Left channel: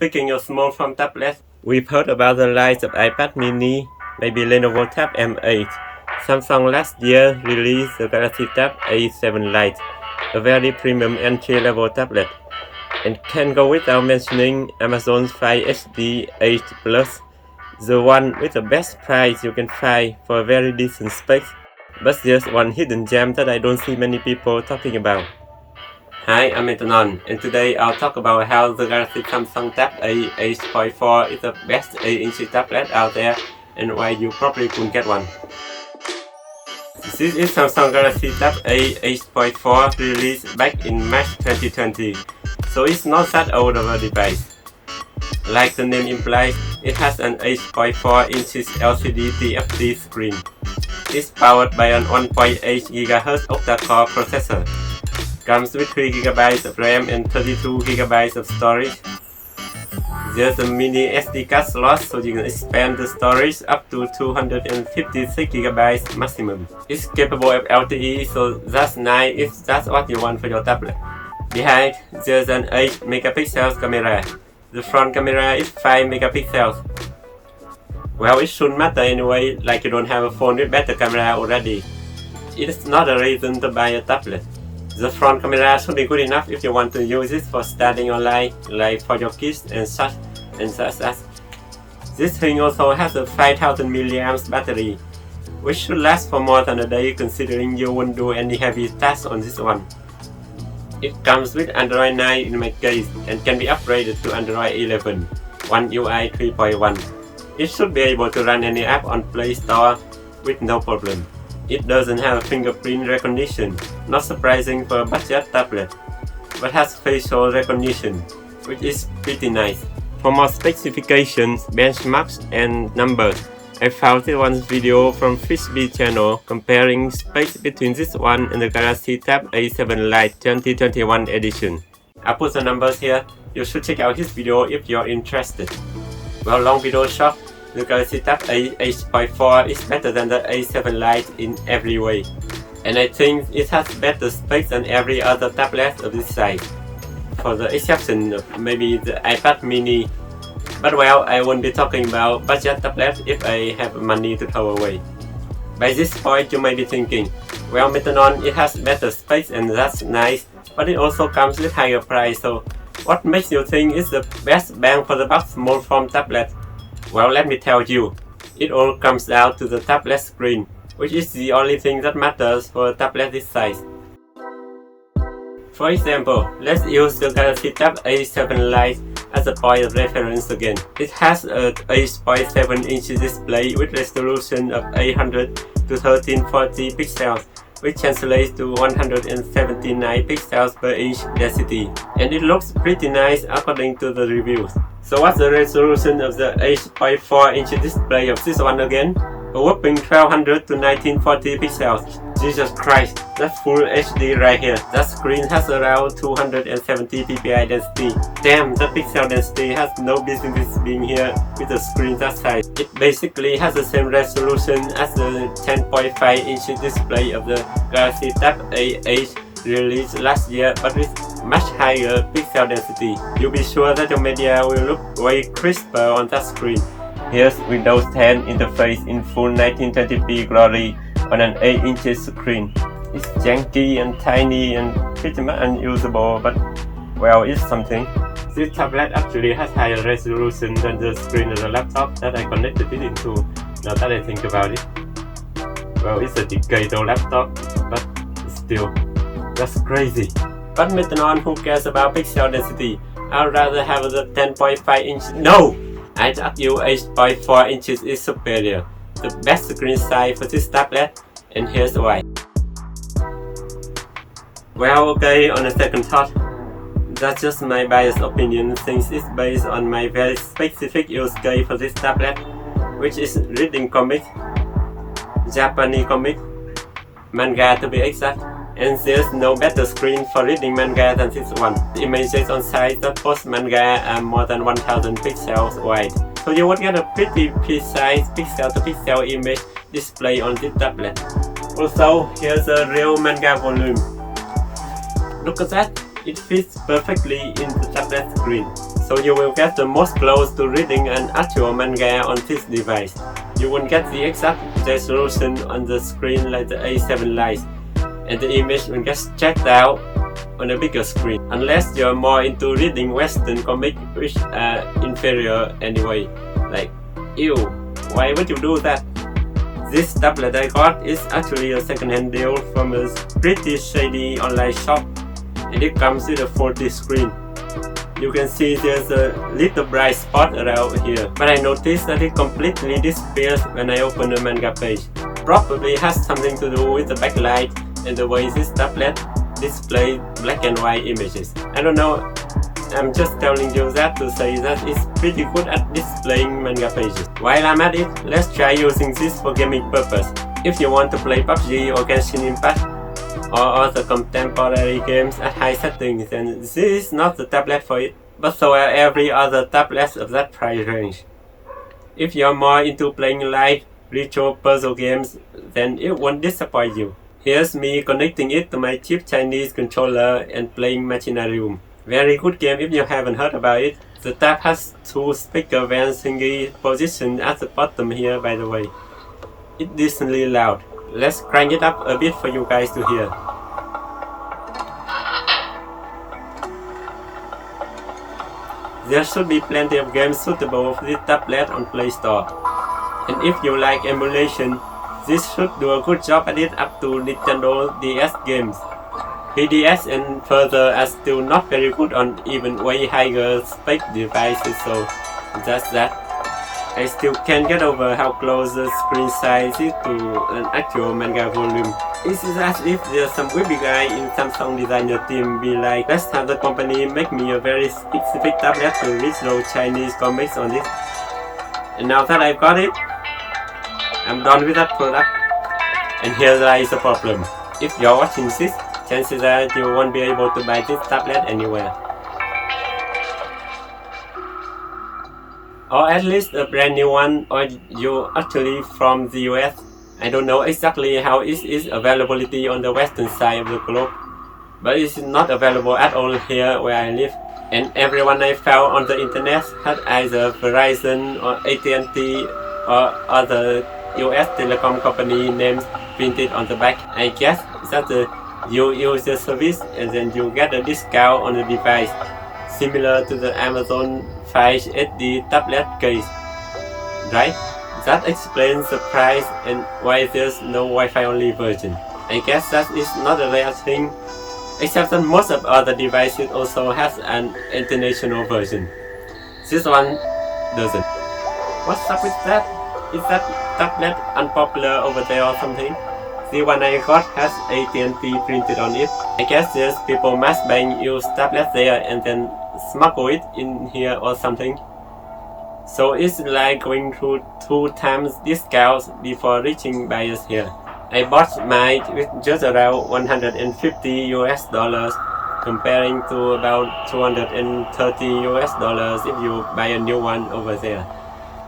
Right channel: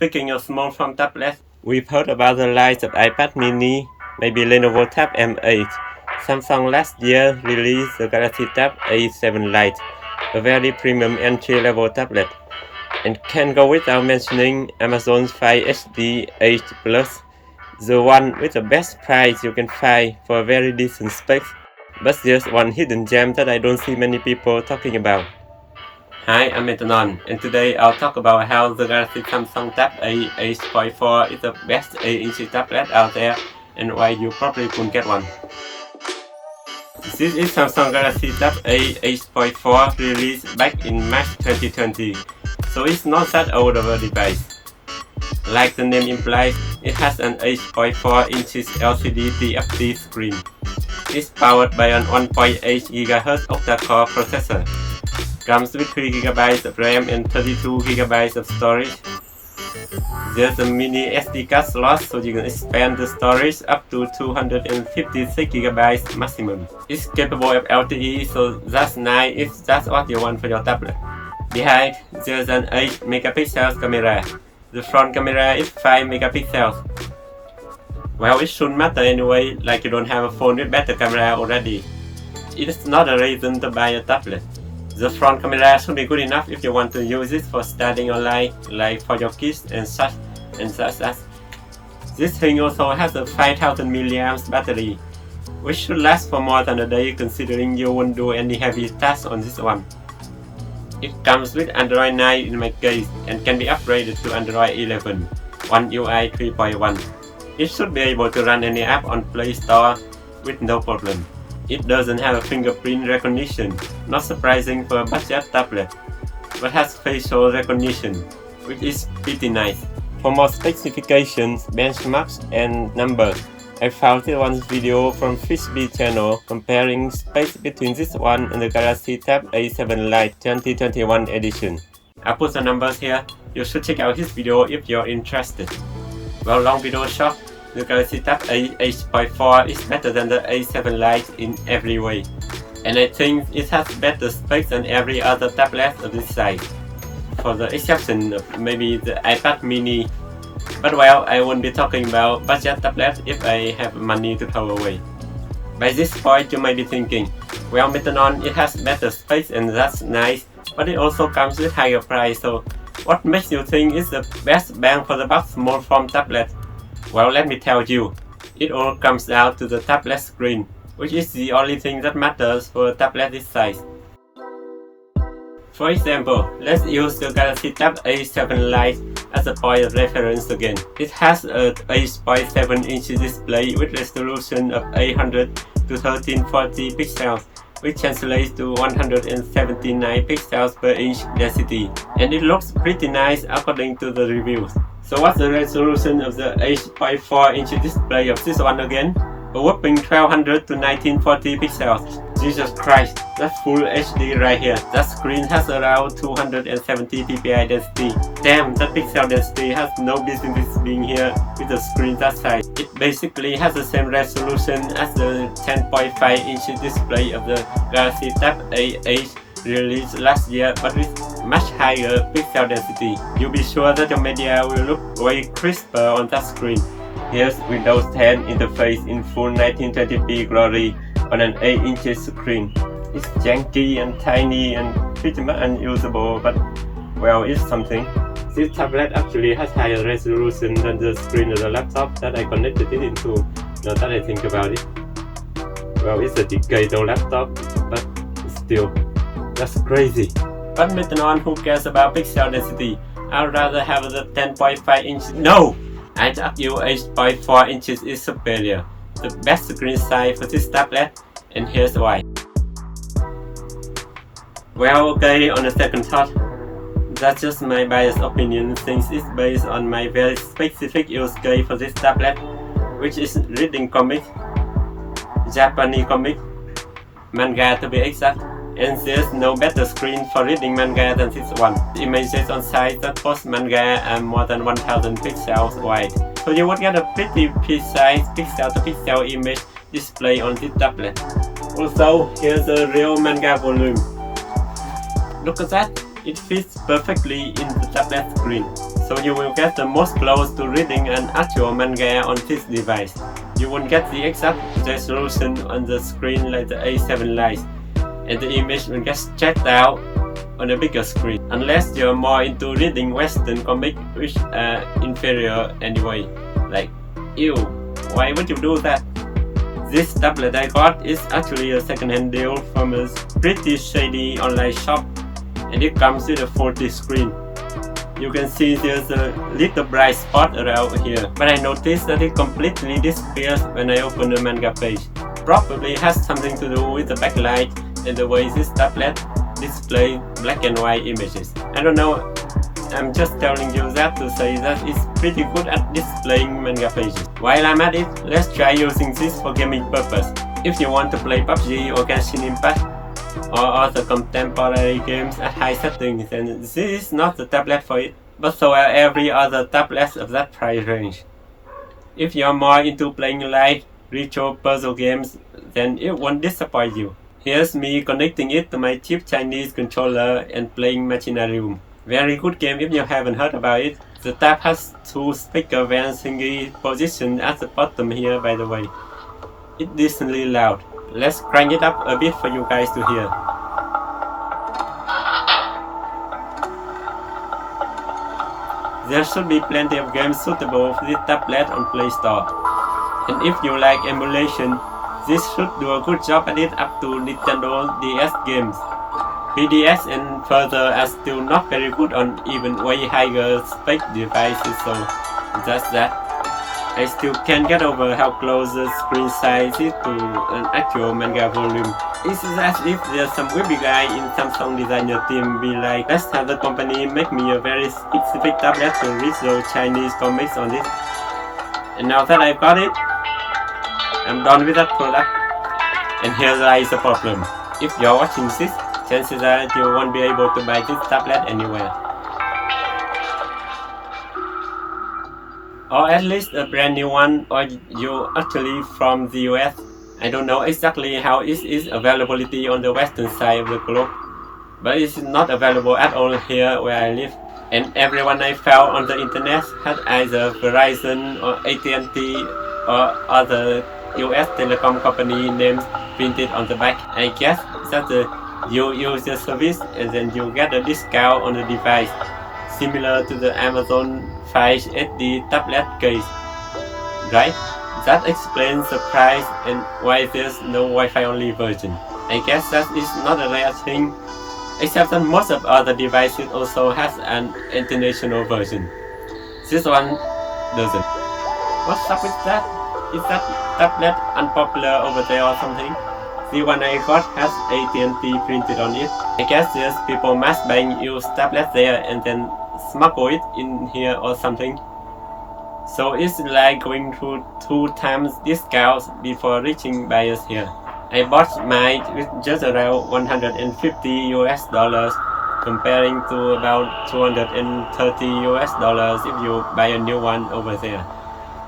Speaking of small form tablets, we've heard about the rise of iPad mini, maybe Lenovo Tab M8. Samsung last year released the Galaxy Tab A7 Lite, a very premium entry-level tablet. And can't go without mentioning Amazon's Fire HD 8 Plus, the one with the best price you can find for a very decent specs. But there's one hidden gem that I don't see many people talking about. Hi, I'm Metanon, and today I'll talk about how the Galaxy Samsung Tab A 8.4 is the best 8-inch tablet out there and why you probably could get one. This is Samsung Galaxy Tab A 8.4 released back in March 2020, so it's not that old of a device. Like the name implies, it has an 8.4 inches LCD TFT screen. It's powered by an 1.8 GHz octa-core processor. Comes with 3GB of RAM and 32GB of storage. There's a mini SD card slot so you can expand the storage up to 256GB maximum. It's capable of LTE, so that's nice if that's what you want for your tablet. Behind, there's an 8 megapixel camera. The front camera is 5 megapixels. Well, it shouldn't matter anyway, like you don't have a phone with better camera already. It's not a reason to buy a tablet. The front camera should be good enough if you want to use it for studying online, like for your kids and such. This thing also has a 5000 mAh battery, which should last for more than a day considering you won't do any heavy tasks on this one. It comes with Android 9 in my case and can be upgraded to Android 11, One UI 3.1. It should be able to run any app on Play Store with no problem. It doesn't have fingerprint recognition, not surprising for a budget tablet, but has facial recognition, which is pretty nice. For more specifications, benchmarks, and numbers, I found this one video from Frisbee channel comparing specs between this one and the Galaxy Tab A7 Lite 2021 edition. I'll put the numbers here, you should check out his video if you're interested. Well, long video short, the Galaxy Tab A 8.4 is better than the A7 Lite in every way, and I think it has better specs than every other tablet of this size, for the exception of maybe the iPad mini. But well, I won't be talking about budget tablets if I have money to throw away. By this point you might be thinking, well Metanon, it has better specs and that's nice, but it also comes with higher price, so what makes you think it's the best bang for the buck small form tablet? Well, let me tell you, it all comes down to the tablet screen, which is the only thing that matters for a tablet this size. For example, let's use the Galaxy Tab A7 Lite as a point of reference again. It has a 8.7 inch display with resolution of 800 to 1340 pixels, which translates to 179 pixels per inch density, and it looks pretty nice according to the reviews. So what's the resolution of the 8.4 inch display of this one again? A whopping 1200 to 1940 pixels. Jesus Christ, that's full HD right here. That screen has around 270 ppi density. Damn, that pixel density has no business being here with a screen that size. It basically has the same resolution as the 10.5 inch display of the Galaxy Tab A8 released last year, but with much higher pixel density. You'll be sure that your media will look way crisper on that screen. Here's Windows 10 interface in full 1920p glory on an 8-inch screen. It's janky and tiny and pretty much unusable, but well, it's something. This tablet actually has higher resolution than the screen of the laptop that I connected it into, now that I think about it. Well, it's a decade-old laptop, but still, that's crazy. But Metanon, who cares about pixel density? I'd rather have the 10.5 inch. No! I'd argue 8.4 inches is superior. The best screen size for this tablet, and here's why. Well, okay, on a second thought, that's just my biased opinion since it's based on my very specific use case for this tablet, which is reading comics, Japanese comics, manga to be exact, and there's no better screen for reading manga than this one. The images on site that post manga are more than 1000 pixels wide, so you would get a pretty precise pixel-to-pixel image display on this tablet. Also, here's a real manga volume. Look at that, it fits perfectly in the tablet screen. so you will get the most close to reading an actual manga on this device. You won't get the exact resolution on the screen like the A7 Lite, and the image will get stretched out on a bigger screen, unless you're more into reading Western comics which are inferior anyway. Like, ew, why would you do that? This tablet I got is actually a second-hand deal from a pretty shady online shop, and it comes with a 4K screen. You can see there's a little bright spot around here, but I noticed that it completely disappears when I open the manga page. Probably has something to do with the backlight and the way this tablet displays black and white images. I don't know, I'm just telling you that to say that it's pretty good at displaying manga pages. While I'm at it, let's try using this for gaming purpose. If you want to play PUBG or Genshin Impact, or other contemporary games at high settings, then this is not the tablet for it, but so are every other tablet of that price range. If you're more into playing light, retro puzzle games, then it won't disappoint you. Here's me connecting it to my cheap Chinese controller and playing Machinarium. Very good game if you haven't heard about it. The tab has two speaker vent thingy positioned at the bottom here, by the way. It's decently loud. Let's crank it up a bit for you guys to hear. There should be plenty of games suitable for this tablet on Play Store. And if you like emulation, this should do a good job at it up to Nintendo DS games. 3DS and further are still not very good on even way higher spec devices, so that's that. I still can't get over how close the screen size is to an actual manga volume. It's as if there's some weeby guy in Samsung designer team be like, let's have the company make me a very specific tablet to read those Chinese comics on it. And now that I've got it, I'm done with that product. And here lies the problem. If you're watching this, chances are you won't be able to buy this tablet anywhere. Or at least a brand new one, or you actually from the US. I don't know exactly how it is availability on the western side of the globe, but it's not available at all here where I live. And everyone I found on the internet had either Verizon or AT&T or other US telecom company names printed on the back. I guess that you use the service and then you get a discount on the device, similar to the Amazon Fire HD tablet case, right? That explains the price and why there's no Wi-Fi only version. I guess that is not a rare thing, except that most of other devices also has an international version. This one doesn't. What's up with that? Is that tablet unpopular over there or something? The one I got has AT&T printed on it. I guess there's people mass buying used tablets there and then smuggle it in here or something. So it's like going through 2 times discounts before reaching buyers here. I bought mine with just around $150 comparing to about $230 if you buy a new one over there.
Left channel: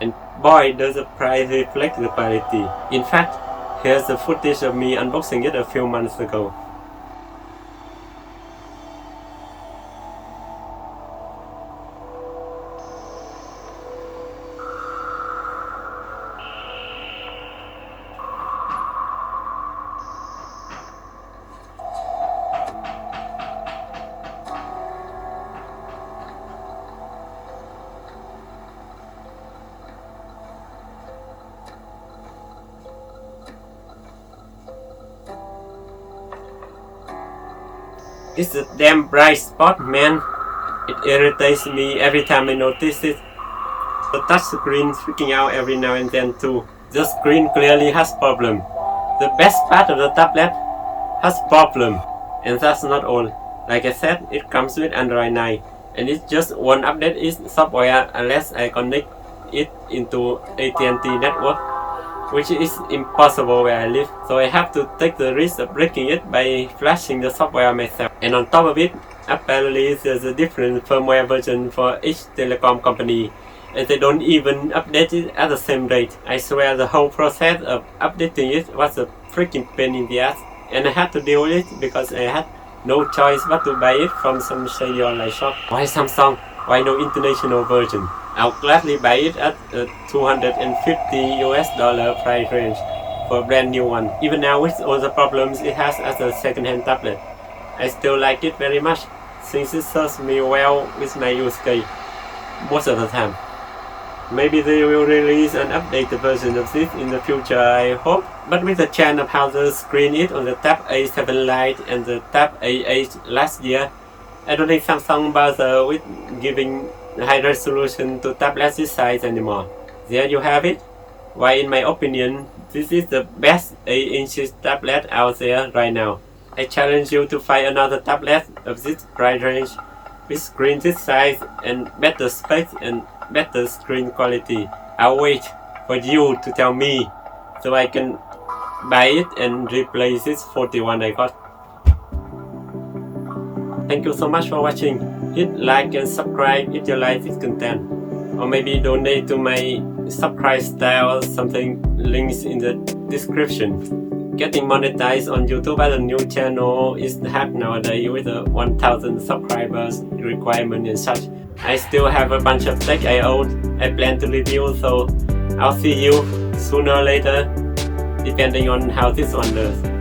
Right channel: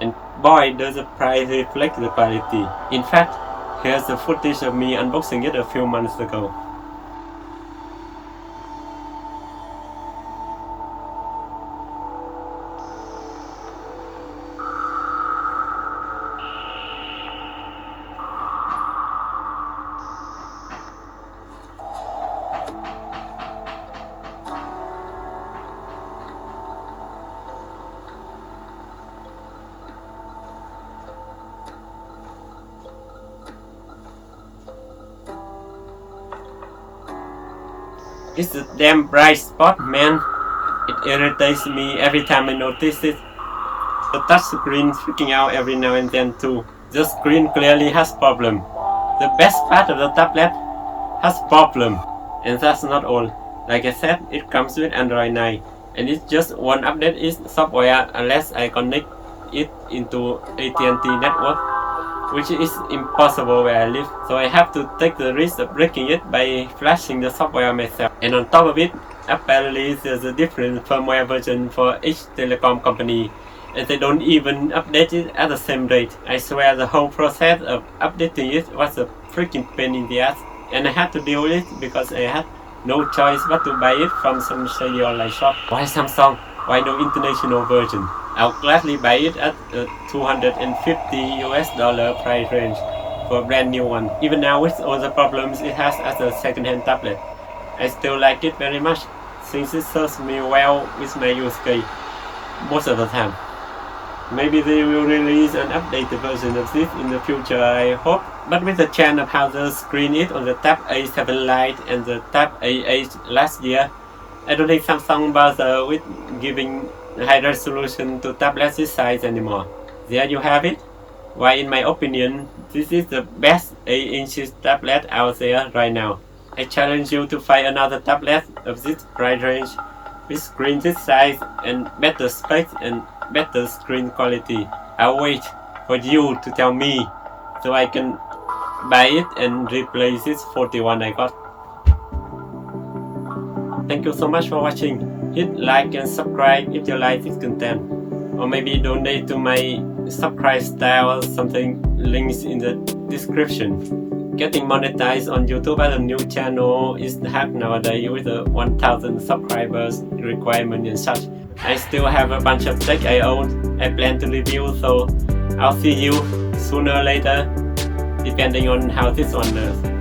And boy, does the price reflect the quality. In fact, here's the footage of me unboxing it a few months ago. It's a damn bright spot, man. It irritates me every time I notice it. The touchscreen freaking out every now and then too. The screen clearly has problem. The best part of the tablet has problem. And that's not all. Like I said, it comes with Android 9. And it just won't update its software unless I connect it into AT&T network, which is impossible where I live, so I have to take the risk of breaking it by flashing the software myself. And on top of it, apparently there's a different firmware version for each telecom company, and they don't even update it at the same rate. I swear the whole process of updating it was a freaking pain in the ass, and I had to deal with it because I had no choice but to buy it from some shady online shop. Why Samsung? Why no international version? I'll gladly buy it at a $250 price range for a brand new one. Even now with all the problems it has as a second-hand tablet, I still like it very much since it serves me well with my use case most of the time. Maybe they will release an updated version of this in the future, I hope. But with the change of how the screen is on the Tab A7 Lite and the Tab A8 last year, I don't think Samsung bother with giving high resolution to tablets this size anymore. There you have it. Why, in my opinion, this is the best 8-inch tablet out there right now. I challenge you to find another tablet of this price range with screen this size and better specs and better screen quality. I'll wait for you to tell me so I can buy it and replace this 41 I got. Thank you so much for watching. Hit like and subscribe if you like this content, or maybe donate to my subscribe style or something. Links in the description. Getting monetized on YouTube as a new channel is hard nowadays with the 1000 subscribers requirement and such. I still have a bunch of tech I own I plan to review, so I'll see you sooner or later depending on how this one does.